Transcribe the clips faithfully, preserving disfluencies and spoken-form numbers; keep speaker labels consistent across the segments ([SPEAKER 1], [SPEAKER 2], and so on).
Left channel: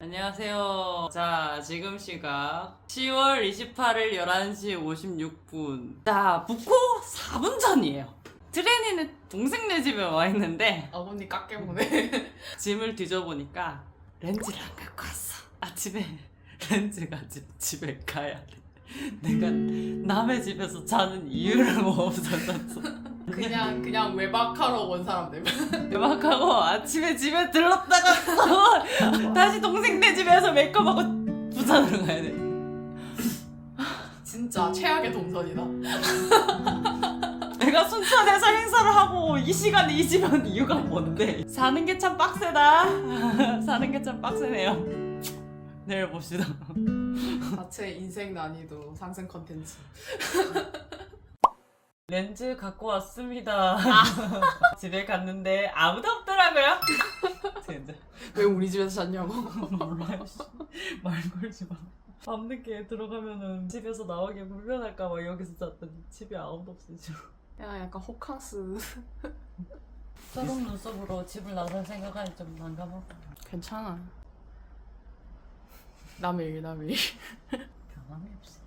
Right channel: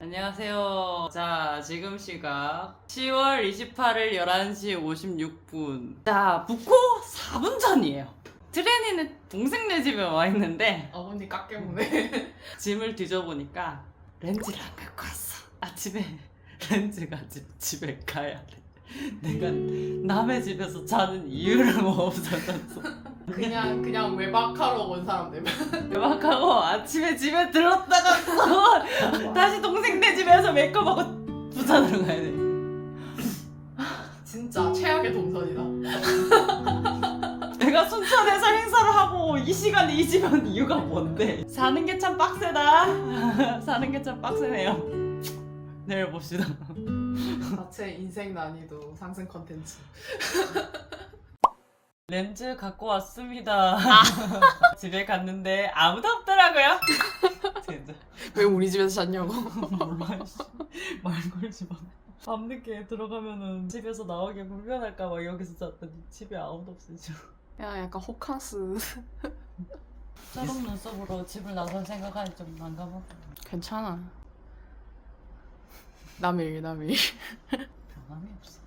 [SPEAKER 1] 안녕하세요. 자, 지금 시각 시월 이십팔일 열한 시 오십육 분. 자, 부코 사 분 전이에요. 트레니는 동생네 집에 와 있는데
[SPEAKER 2] 어머니 깎여보네.
[SPEAKER 1] 짐을 뒤져보니까 렌즈를 안 갖고 왔어. 아침에 렌즈 가지고 집에 가야 돼. 내가 남의 집에서 자는 이유를 뭐 없어졌어.
[SPEAKER 2] 그냥 그냥 외박하러 온 사람들.
[SPEAKER 1] 대박하고 아침에 집에 들렀다가 다시 동생네 집에서 메이크업하고 부산으로 가야 돼.
[SPEAKER 2] 진짜 최악의 동선이다.
[SPEAKER 1] 내가 순천에서 행사를 하고 이 시간에 이 집에 온 이유가 뭔데? 사는 게 참 빡세다. 사는 게 참 빡세네요. 내일 봅시다.
[SPEAKER 2] 자체 인생 난이도 상승 컨텐츠.
[SPEAKER 1] 렌즈 갖고 왔습니다. 집에 갔는데 아무도 없더라고요. 진짜.
[SPEAKER 2] 왜 우리 집에서 잤냐고.
[SPEAKER 1] 몰라. 말 걸지 마. 밤늦게 들어가면은 집에서 나오기 불편할까봐 여기서 잤더니 집에 아무도 없으시죠.
[SPEAKER 2] 야 약간 호캉스.
[SPEAKER 1] 서른 눈썹으로 집을 나설 생각하니 좀 난감하고.
[SPEAKER 2] 괜찮아. 남일 남일.
[SPEAKER 1] 변함이 없어.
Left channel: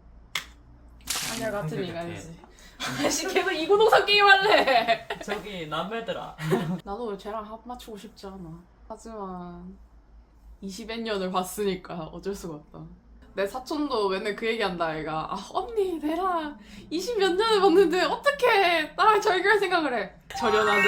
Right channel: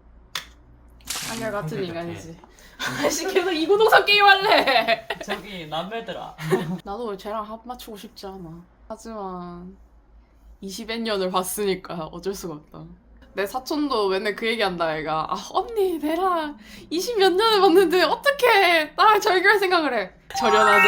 [SPEAKER 2] 하늘 같은 인간이지. 아씨 계속 이구동성 게임 할래.
[SPEAKER 1] 저기 남매들아.
[SPEAKER 2] 나도 쟤랑 합 맞추고 싶지 않아. 하지만 이십여 년을 봤으니까 어쩔 수가 없다. 내 사촌도 맨날 그 얘기한다 애가. 아 언니 내랑 이십 몇 년을 봤는데 어떻게 나랑 절교할 생각을 해. 절연하자.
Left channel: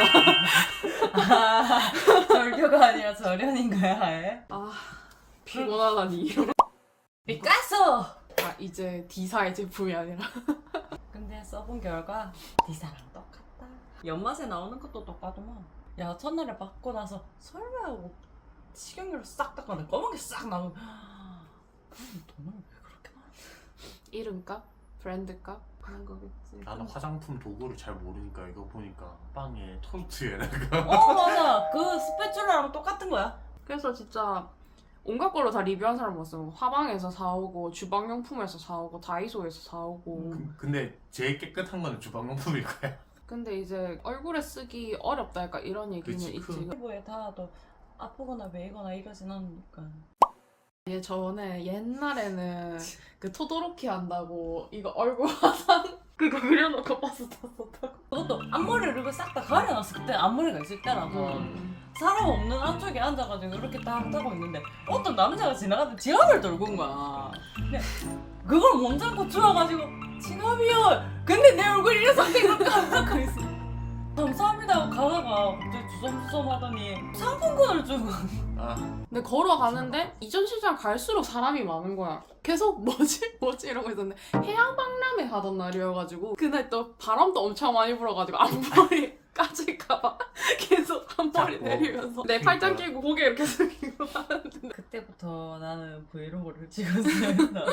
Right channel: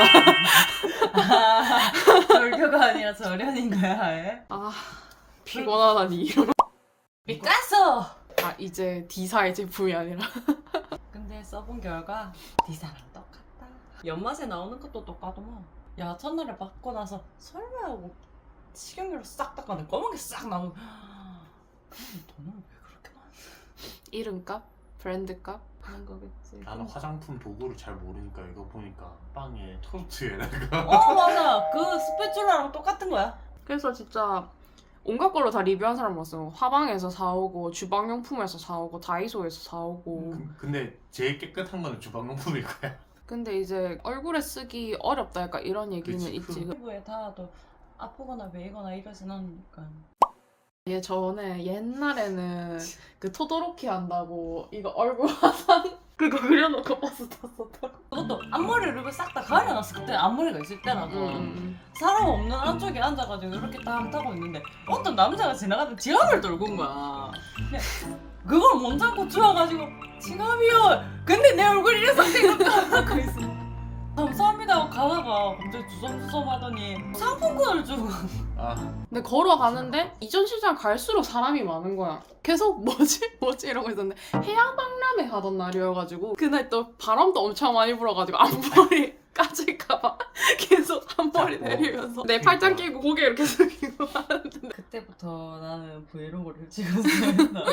[SPEAKER 1] 아, 절교가 아니라 절연인 거야, 아예?
[SPEAKER 2] 아 피곤하다니.
[SPEAKER 1] 미카소!
[SPEAKER 2] 아 이제 D사의 제품이 아니라.
[SPEAKER 1] 근데 써본 결과 D사랑 똑같다. 연맛에 나오는 것도 똑같더만. 야, 첫날에 받고 나서 설마 하고 식용유로 싹 닦아내 검은 게 싹 나오면 그럼 돈을 왜 그렇게 많이
[SPEAKER 2] 이름값? 브랜드값?
[SPEAKER 1] 그런 거겠지.
[SPEAKER 3] 나는 화장품 도구를 잘 모르니까 이거 보니까 빵에 토스트에다가
[SPEAKER 1] 어, 맞아. 그 스패츌라랑 똑같은 거야.
[SPEAKER 2] 그래서 진짜 온갖 걸로 다 리뷰한 사람 봤어. 화방에서 사오고 주방용품에서 사오고 다이소에서 사오고.
[SPEAKER 3] 그- 근데 제일 깨끗한 거는 주방용품일 거야.
[SPEAKER 2] 근데 이제 얼굴에 쓰기 어렵다 약간 이런 얘기는
[SPEAKER 3] 그치,
[SPEAKER 2] 있지.
[SPEAKER 3] 그-
[SPEAKER 1] 피부에 닿아도 아프거나 메이거나 이러진 않으니까.
[SPEAKER 2] 얘 전에 옛날에는 그 토도로키 한다고 이거 얼굴 화상 그거 그려놓고 버스 탔었다고.
[SPEAKER 1] 그것도 앞머리를 이렇게 싹 다 가려놨어. 그때 앞머리가 있을 때라고.
[SPEAKER 2] 음.
[SPEAKER 1] 사람 없는 안쪽에 앉아가지고 이렇게 딱 타고 있는데 어떤 남자가 지나가다 지갑을 들고 온 거야. 근데 그걸 못 잡고 주워가지고 지갑이요. 근데 내 얼굴이 이래서 이렇게 하고 있어. 감사합니다 하고 가다가 갑자기 주섬주섬 하더니 상품권을 주고.
[SPEAKER 3] 아
[SPEAKER 2] 근데 걸어가는데 이전 시장 갈수록 사람이 많은 거야. 계속 뭐지 뭐지 이러고 있었는데 해양박람회 하던 날이어가지고 그날 또 바람도 엄청 많이 불어가지고 앞머리 까질까봐 계속 앞머리
[SPEAKER 3] 잡고.
[SPEAKER 2] 내리면서 내 팔짱 끼고 고개 이렇게 숙이고 하는데
[SPEAKER 1] 그때부터 나는 브이로그를 찍었어요.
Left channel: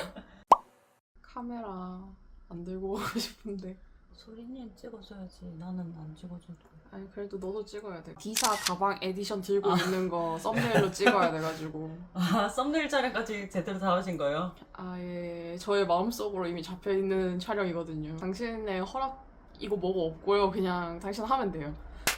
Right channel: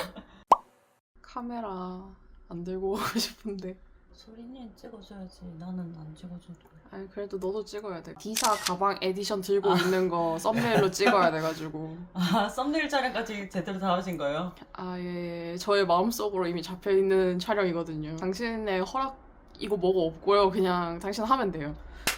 [SPEAKER 2] 카메라 안 들고 오고 싶은데.
[SPEAKER 1] 소리님 찍어줘야지. 나는 안 찍어줘도.
[SPEAKER 2] 아니 그래도 너도 찍어야 돼. D사 가방 에디션 들고
[SPEAKER 1] 아.
[SPEAKER 2] 있는 거 썸네일로 찍어야 돼가지고.
[SPEAKER 1] 아, 썸네일 촬영까지 제대로 다 하신 거예요?
[SPEAKER 2] 아 예, 저의 마음속으로 이미 잡혀있는 촬영이거든요. 당신의 허락 이거 뭐고 없고요. 그냥 당신 하면 돼요.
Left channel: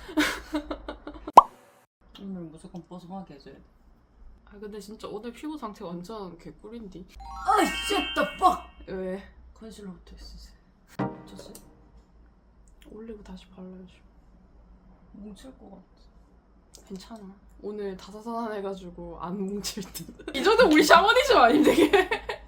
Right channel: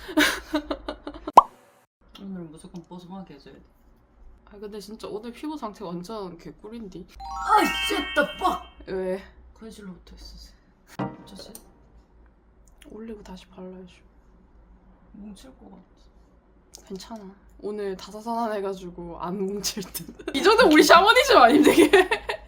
[SPEAKER 1] 오늘 무조건 뽀송하게 해줘야 돼.
[SPEAKER 2] 아 근데 진짜 오늘 피부 상태 완전 개꿀인디.
[SPEAKER 1] 아이, 쉣다 뻑!
[SPEAKER 2] 왜?
[SPEAKER 1] 컨실러부터 했으세요. 어쩌지?
[SPEAKER 2] 올리고 다시 발라야죠.
[SPEAKER 1] 뭉칠 것 같아.
[SPEAKER 2] 괜찮아. 오늘 다사산해가지고 안 뭉칠 듯. 이 정도 우리 샤머니즘 아님 되게.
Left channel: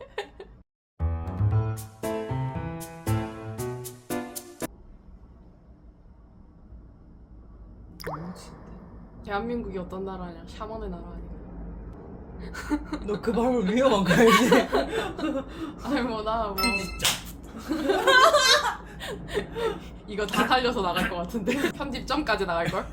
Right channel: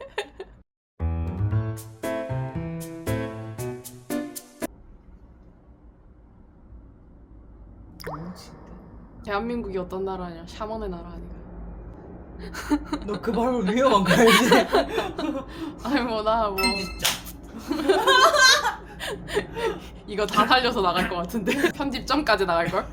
[SPEAKER 1] 안 뭉친데.
[SPEAKER 2] 대한민국이 어떤 나라냐? 샤먼의 나라 아니야.
[SPEAKER 1] 너 그 발을 위험한 거 알지?
[SPEAKER 2] 아니 뭐나 뭐. 이거 다 살려서 나갈 것 같은데 편집점까지 나갈 걸?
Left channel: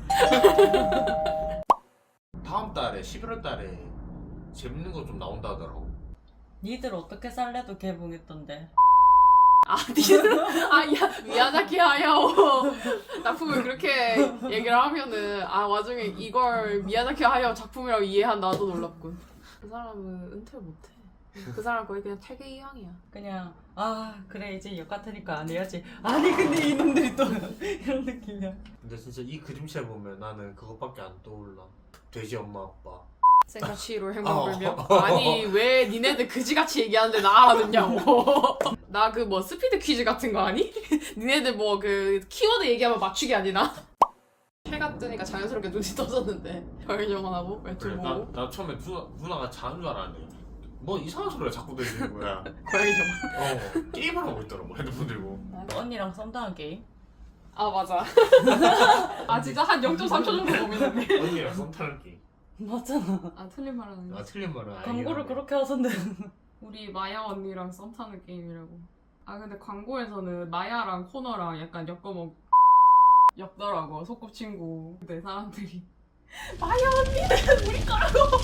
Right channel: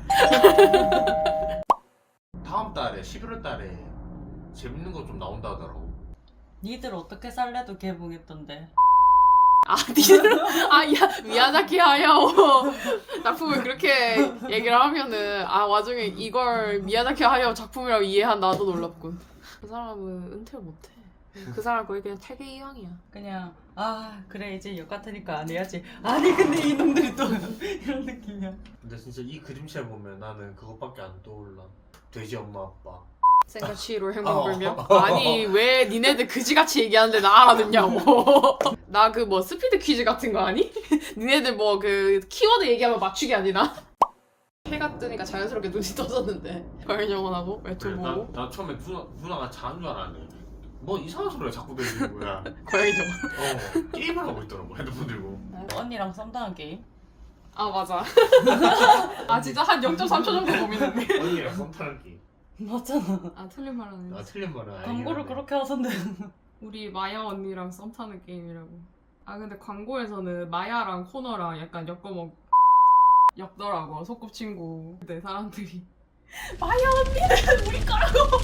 [SPEAKER 3] 다음 달에 십일월 달에 재밌는 거 좀 나온다 하더라고.
[SPEAKER 1] 니들 어떻게 살래도 개봉했던데.
[SPEAKER 2] 아 니들 아야 미야자키 하야오 작품을 그렇게 얘기를 하면은 아 와중에 이걸 미야자키 하야오 작품이라고 이해한 나도 놀랍군. 그 사람은 은퇴를 못해. 그 사람 거의 그냥 퇴계 이황이야.
[SPEAKER 1] 그냥 아 그래 이제 역 같으니까 안 해야지. 아니 근데 이놈들이 또 이런 느낌이야.
[SPEAKER 3] 근데 진짜 이 그림체 보면 나는 그것밖에 안 떠올라. 돼지 엄마 아빠.
[SPEAKER 2] 생가치로 행운불명? 아니 왜 니네들 그지같이 얘기하는데 나 알아듣냐고. 나 그 뭐 스피드 퀴즈 같은 거 아니? 니네들 뭐 그 키워드 얘기하면 맞추기 아니나? 해가 뜨니까 자연스럽게 눈이 떠졌는데 별 영원하고 웹툰
[SPEAKER 3] 그래, 나,
[SPEAKER 2] 보고
[SPEAKER 3] 나 처음에 누나, 누나가 자는 줄 알았네. 뭐 이상한 소리가 자꾸 들리는 거야.
[SPEAKER 2] 고양이 영원.
[SPEAKER 3] 어 게임을 하고 있더라고 핸드폰 들고.
[SPEAKER 1] 언니랑 썸 타는 게임?
[SPEAKER 2] 아 맞아. 아 진짜 한 영 점 삼 초 정도 고민했네.
[SPEAKER 3] 언니랑 썸 타는 게.
[SPEAKER 1] 맞잖아.
[SPEAKER 2] 아 틀린 말 하네.
[SPEAKER 3] 아 틀린 말은
[SPEAKER 1] 광고를 그렇게 하던데.
[SPEAKER 2] 우리 마야 언니랑 썸 타는 게임이라고. 아 근데 광고에서는 마야랑 코너랑 약간 엮어먹 엮더라고 소꿉친구. 근데 사람들이 마야 언니는 우리 거라고.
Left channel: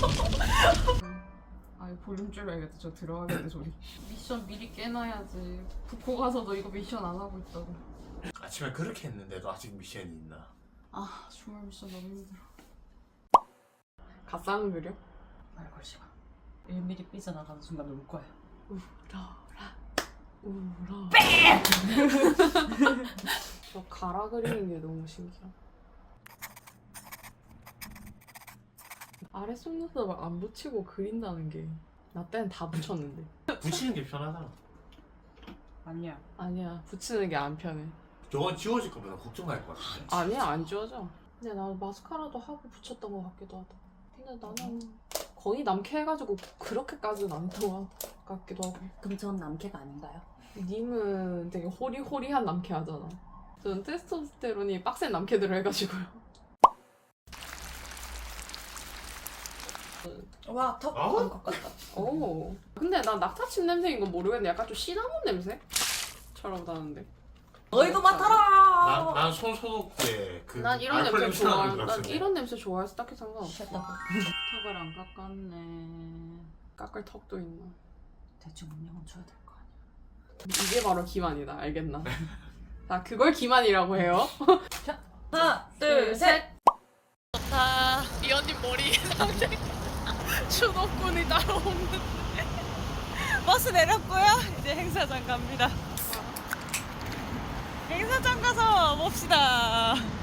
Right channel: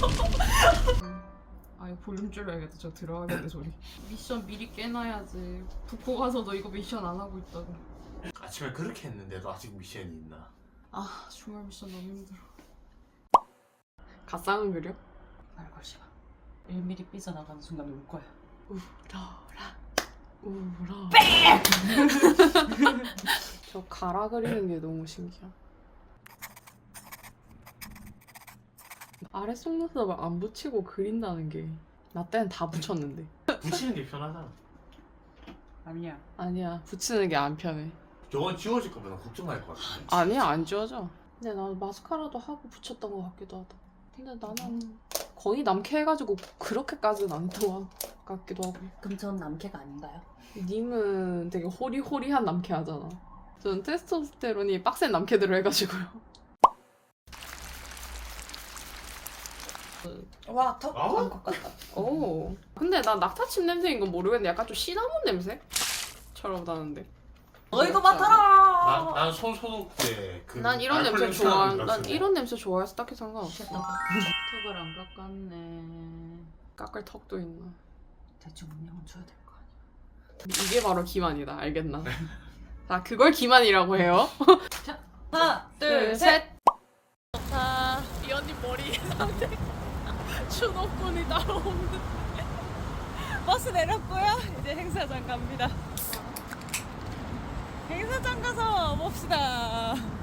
[SPEAKER 2] 아 이거 볼륨 줄여야겠다. 저 들어가겠네 소리. 미션 미리 깨놔야지. 북코 가서도 이거 미션 안 하고 있다고.
[SPEAKER 3] 아침에 그렇게 했는데도 아직 미션이 있나?
[SPEAKER 2] 아 주말 미션 너무 힘들어. 갓상은 그려?
[SPEAKER 1] 말 걸지 마. 일 미리 삐져나가는 순간 울 거야.
[SPEAKER 2] 울어라 울어. 저 가라 그리는 게 너무 신기해. 아래 속눈썹을 안 붙이고 그린다는 게 나 때는 다 붙였는데.
[SPEAKER 3] 붙이는 게 편하잖아.
[SPEAKER 1] 아니야.
[SPEAKER 2] 아니야 붙이는 게 안 편해.
[SPEAKER 3] 저건 지워질 거면 걱정할 것 같아.
[SPEAKER 2] 아니야 안 지워져. 근데 나 마스카라도 하고 붙였던 것 같기도 하다. 근데 나는 거의 남캐 해가지고 그렇게까지는 안 했던 것 같기도 하고.
[SPEAKER 1] 그럼 전 남캐가 아닌가요?
[SPEAKER 2] 님은 되게 호리호리한 남캐 하잖아. 저는 테스토스테론이 빡센 남캐들을 해가지고요.
[SPEAKER 1] 와, 턱
[SPEAKER 3] 어?
[SPEAKER 1] 안 것 같다.
[SPEAKER 2] 오. 근데 나 낙타칩 냄새인 건 모르겠는데 약간 좀 시나몬 냄새처럼 나는데.
[SPEAKER 1] 너희도 맡아라.
[SPEAKER 3] 난, 난 손소독 때그
[SPEAKER 2] 난 이런 냄새 좋아. 난 이런 냄새 좋아해서 딱히 상관없어.
[SPEAKER 1] 됐다. 턱을 안 깎았네.
[SPEAKER 2] 깎을 턱도 있나.
[SPEAKER 1] 대충 운명은 줘야 될 거 아니야.
[SPEAKER 2] 이게 바로 기만이다. 알겠나? 자, 그걸 기만이라고 해요.
[SPEAKER 1] 자, 하나, 둘, 셋.
[SPEAKER 2] 좋다. 이 언니 머리 상태 추노꾼이 따로 없는데.
[SPEAKER 1] 버스 내렸고요. 이제 행사장 갑니다. 행사장 가서 봅시다.